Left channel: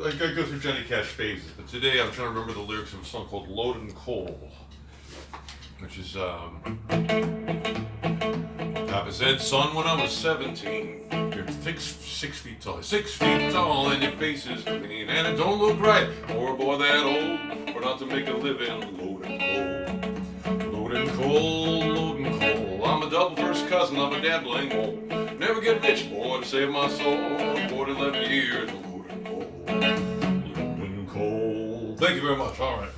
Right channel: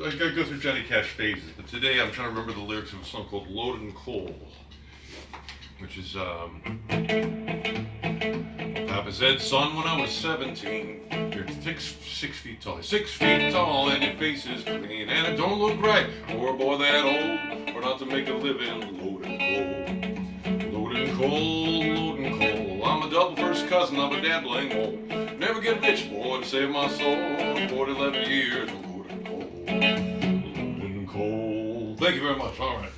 I go through Johnny Cash phases, but today I'm trying to remember the lyrics of a song called Loaded Coal, which is, Papa said, son, when I was 17, you're 6 feet tall, 6 feet tall, and your face is clean, and it don't look right, or a boy that old, or not to make a living, loading coal, loading coal, loading coal. I'm a double first cousin of a gambling hole. Never get rich, boy, to save my soul. More than 11 years of loading coal, loading coal. Thank you very much. All right.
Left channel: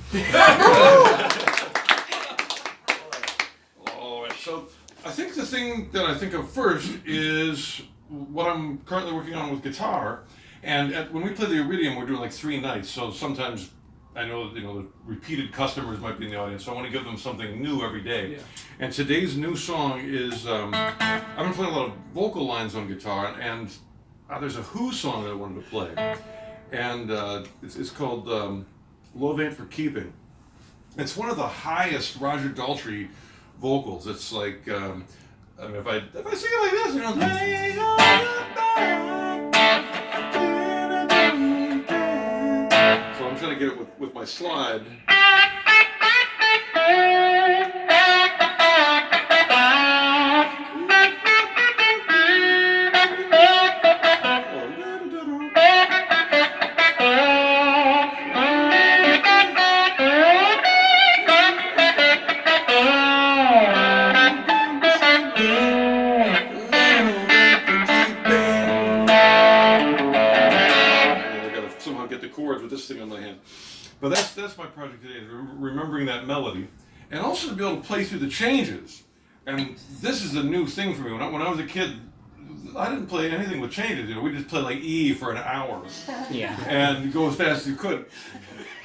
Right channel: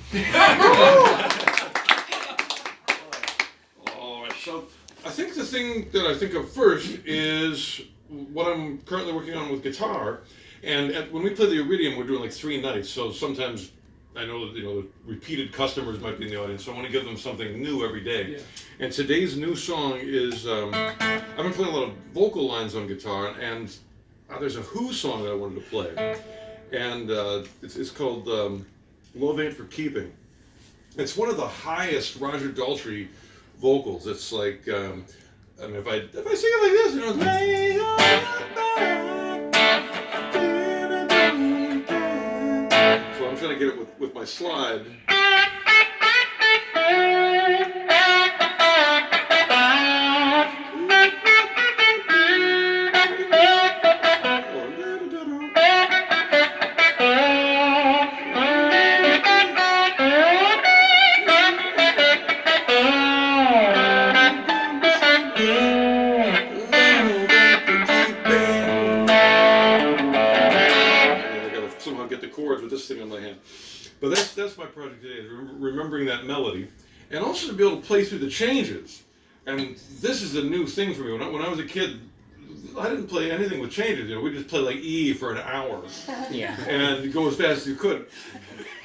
All right. So I think the thing that I think of first is what I'm currently working on with guitar. And when we play the Iridium, we're doing like 3 nights. So sometimes I know that, the repeated customers might be in the audience, so I want to give them something new every day. Yeah. And today's new song is, I've been playing a lot of vocal lines on guitar, and there's a Who song I wanted to play. And it's called Love Ain't For Keeping. It's one of the highest Roger Daltrey vocals. It's like, if I sing it like this, so I'm trying to get it with my slide. Chords with this thing on my hand, but that's my project today, remembering that melody, and also to be able to play through the changes. And this is a new thing for me. When I was a kid, I didn't play anything with changes. We just play like E for an hour, and go as fast as you could.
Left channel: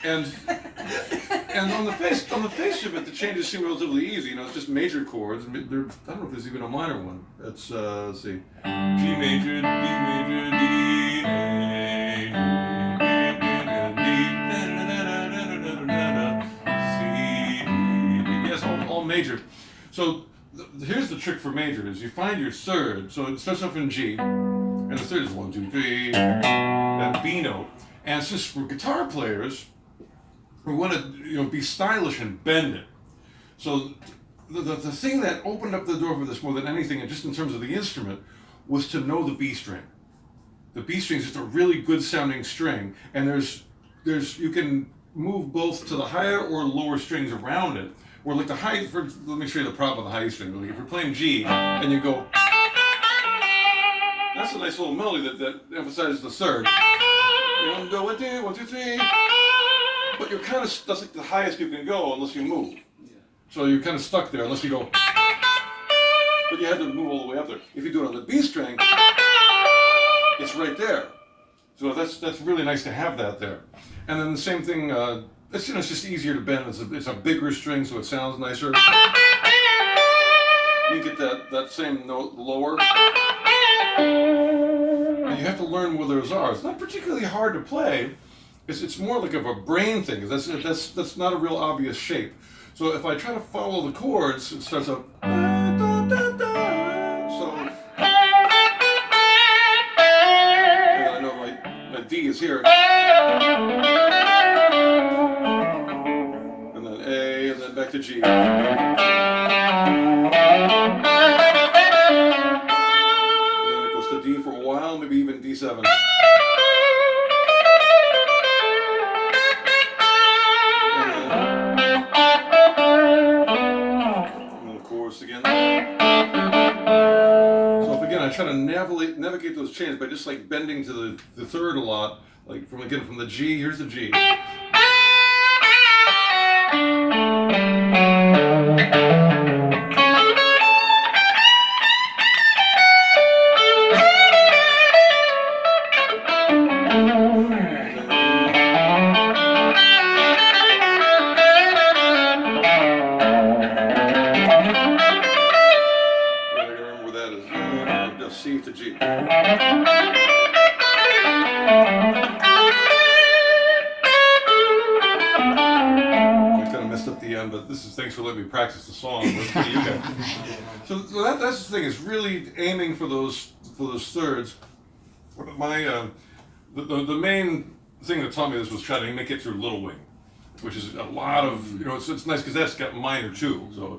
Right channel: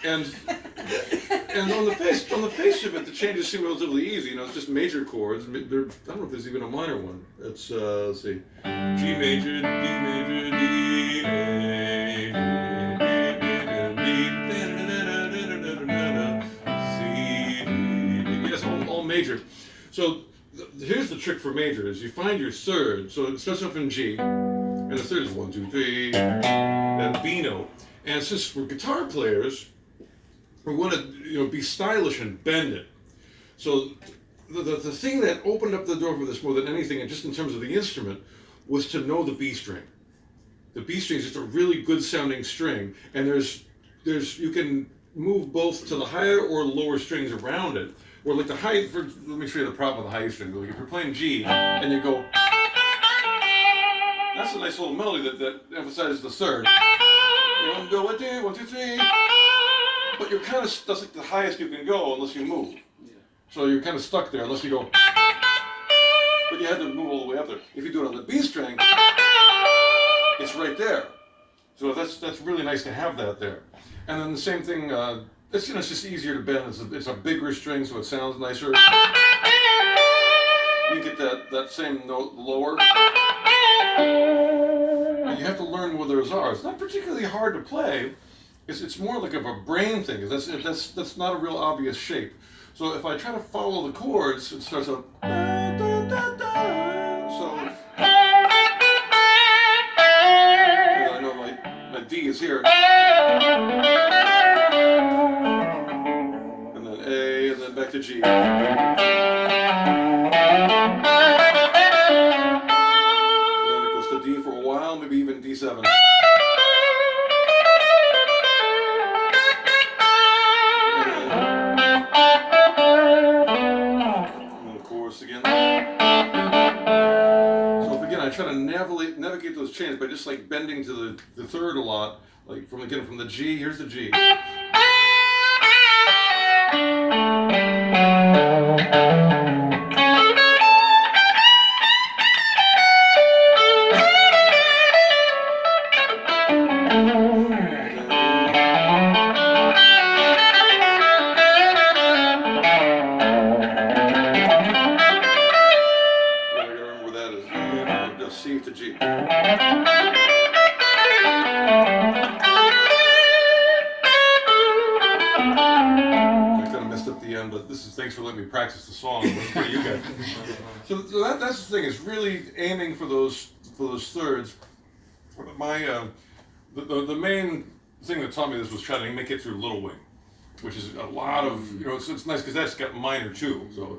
And on the face of it, the changes seem relatively easy. It's just major chords. I don't know if there's even a minor one. Let's see, G major, D major, D, A. Major. So here's the trick for major: is you find your third. So it starts off in G, and the third is 1, 2, 3, that B note. And since for guitar players, we want to be stylish and bend it. So the thing that opened up the door for this more than anything, and just in terms of the instrument, was to know the B string. The B string is just a really good sounding string, and there's you can move both to the higher or lower strings around it. Or like the high, let me show you the problem with the high string. Like if you're playing G and you go, that's a nice little melody that emphasizes the third. Go 1, 2, 1, 2, 3. But you're kind of, that's like the highest you can go unless you move. Yeah. So you're kind of stuck there unless you go, but you have to move all the way up there. If you do it on the B string, it's right there. So that's really nice to have that there. And then the same thing, it's just easier to bend. It's a bigger string, so it sounds nicer. You get that same note lower. And you have to learn where those are. It's not particularly hard to play. It's more like of a brain thing. That's not a real obvious shape. So if I try to follow the chords, it starts out. So. I know my D is here. Back to G. And then it goes to D for a while, maybe even D7. And then the chorus again. So if again I try to navigate those chains by just like bending to the third a lot, like from the G, here's the G. C to G. I kind of messed up the end, but thanks for letting me practice the song. What do you guys? So that's the thing, is really aiming for those thirds. My the main thing that taught me this was trying to make it through Little Wing, which is a lot of, it's nice because that's got minor too. So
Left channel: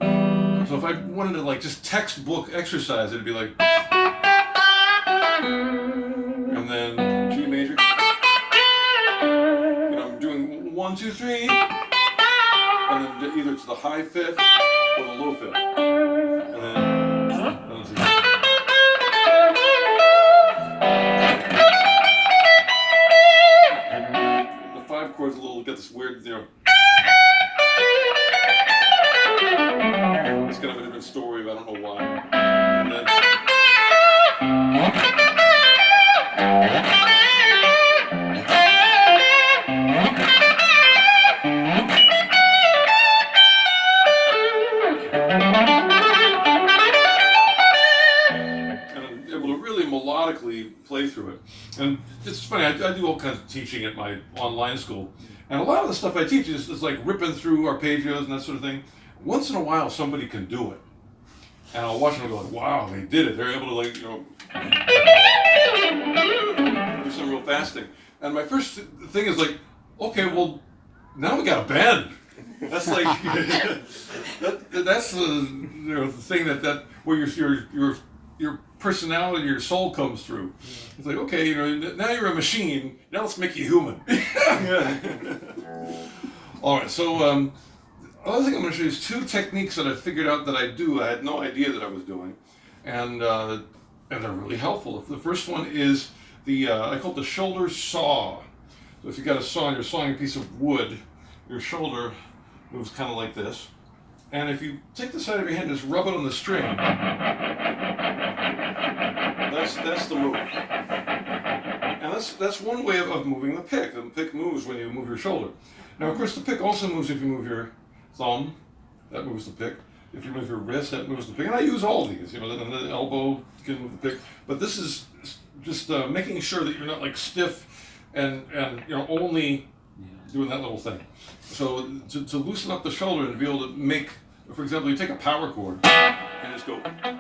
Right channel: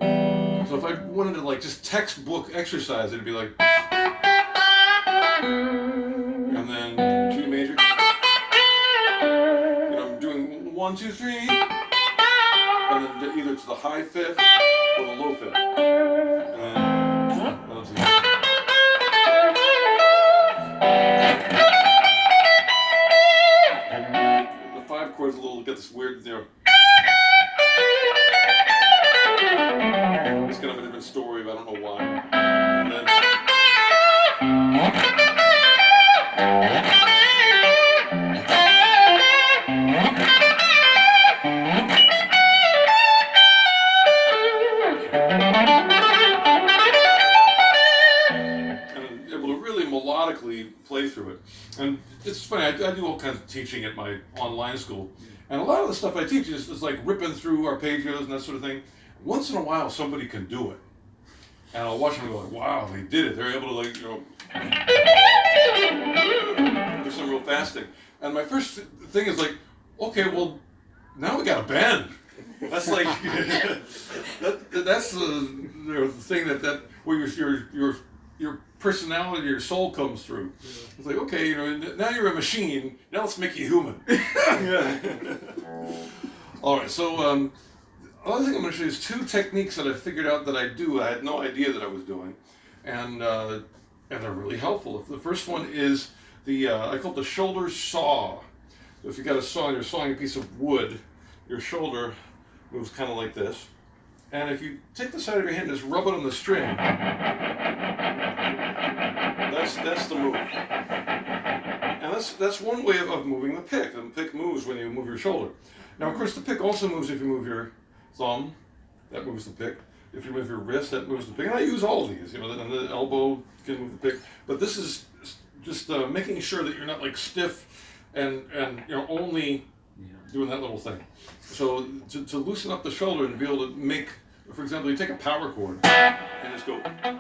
if I wanted to like just textbook exercise, it'd be like, and then G major. I'm doing 1, 2, 3, and then either to the high fifth or the low fifth, and then the 5 chords a little get this weird, it's kind of a different story, but I don't know why. And then, melodically play through it. And it's funny, I do all kinds of teaching at my online school, and a lot of the stuff I teach is like ripping through arpeggios and that sort of thing. Once in a while somebody can do it, and I'll watch them and go like, wow, they did it. They're able to like, do some real fast thing. And my first thing is like, okay, well, now we got a bend. That's like, that's the thing that where your personality, your soul comes through. It's like, okay, now you're a machine. Now let's make you human. All right, so other thing I'm going to show you is 2 techniques that I figured out that I do. I had no idea that I was doing, and they're really helpful. The first one is I call it the shoulder saw. So if you got a saw and you're sawing a piece of wood, your shoulder moves kind of like this. And if you take the side of your hand and just rub it on the string, that's the move. And that's one way of moving the pick. The pick moves when you move your shoulder. Now, of course, the pick also moves if you move your thumb. That moves the pick. If you move your wrist, that moves the pick. And I use all these. The elbow can move the pick. But this is just making sure that you're not like stiff and only doing that little thing. So to loosen up the shoulder and be able to make, for example, you take a power chord and just go, and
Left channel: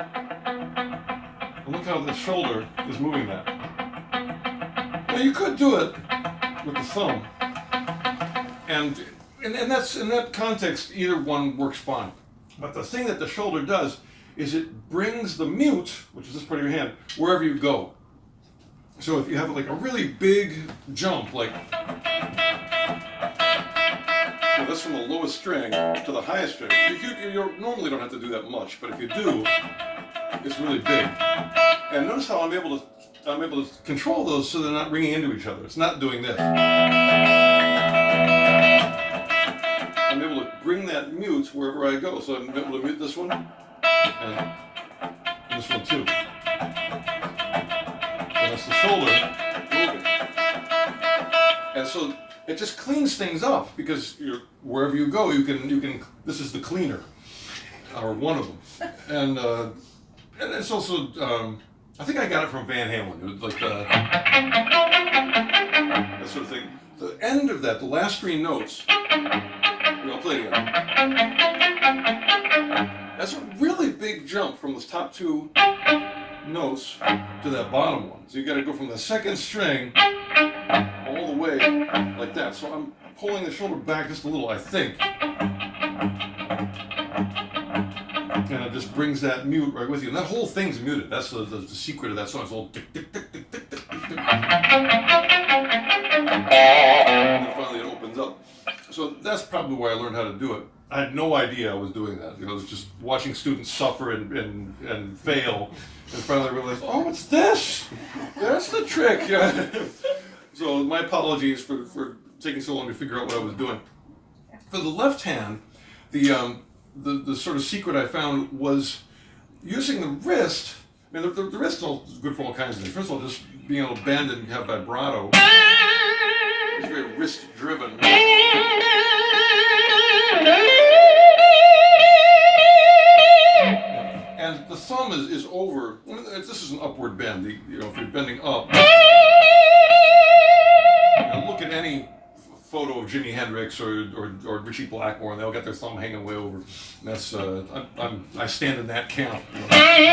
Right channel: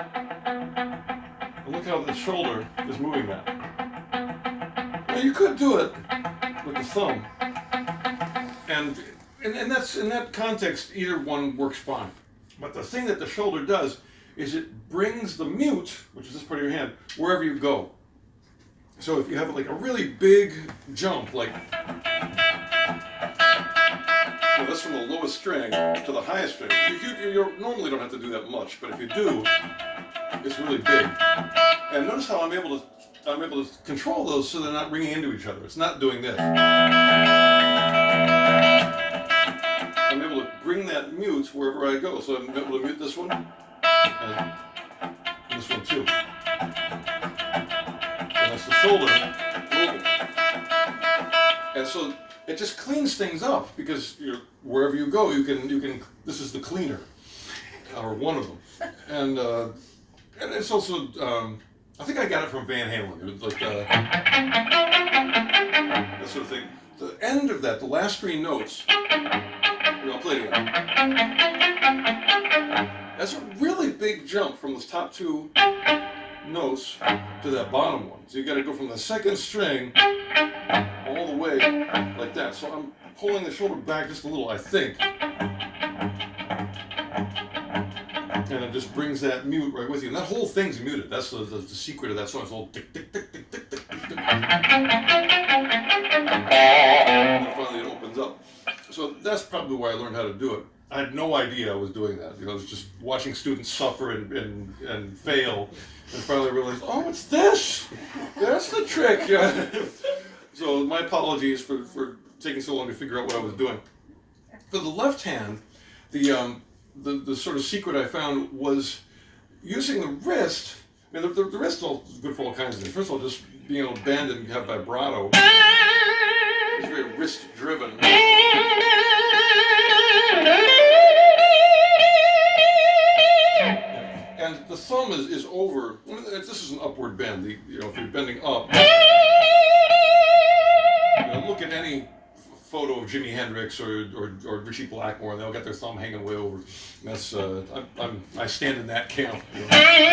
look how the shoulder is moving that. Now you could do it with the thumb, and that's in that context, either one works fine. But the thing that the shoulder does is it brings the mute, which is this part of your hand, wherever you go. So if you have like a really big jump, like that's from the lowest string to the highest string. You normally don't have to do that much, but if you do, it's really big. And notice how I'm able to control those so they're not ringing into each other. It's not doing this. I'm able to bring that mute wherever I go. So I'm able to mute this one and this one too. And that's the shoulder moving. And so it just cleans things up because wherever you go, you can. This is the cleaner, or one of them, and it's also. I think I got it from Van Halen. It was like that sort of thing. The end of that, the last 3 notes. I'll play it again. That's a really big jump from the top 2 notes to that bottom one. So you got to go from the second string all the way like that. So I'm pulling the shoulder back just a little, I think. And it just brings that mute right with you. And that whole thing's muted. That's the secret of that song. It's all tick, tick, tick, tick, tick, tick, tick, tick. And finally it opens up. So that's probably why I learned how to do it. I had no idea I was doing that. I was just watching students suffer and fail. And finally I realized, oh, it's this. That's the trick. So my apologies for taking so long to figure out what I was doing. For the left hand, the sort of secret I found was using the wrist. I mean, the wrist is good for all kinds of things. First of all, just being able to bend and have vibrato. It's very wrist driven. And the thumb is over. This is an upward bend. If you're bending up, look at any photo of Jimi Hendrix or Richie Blackmore, and they'll get their thumb hanging way over. And that's I stand in that camp.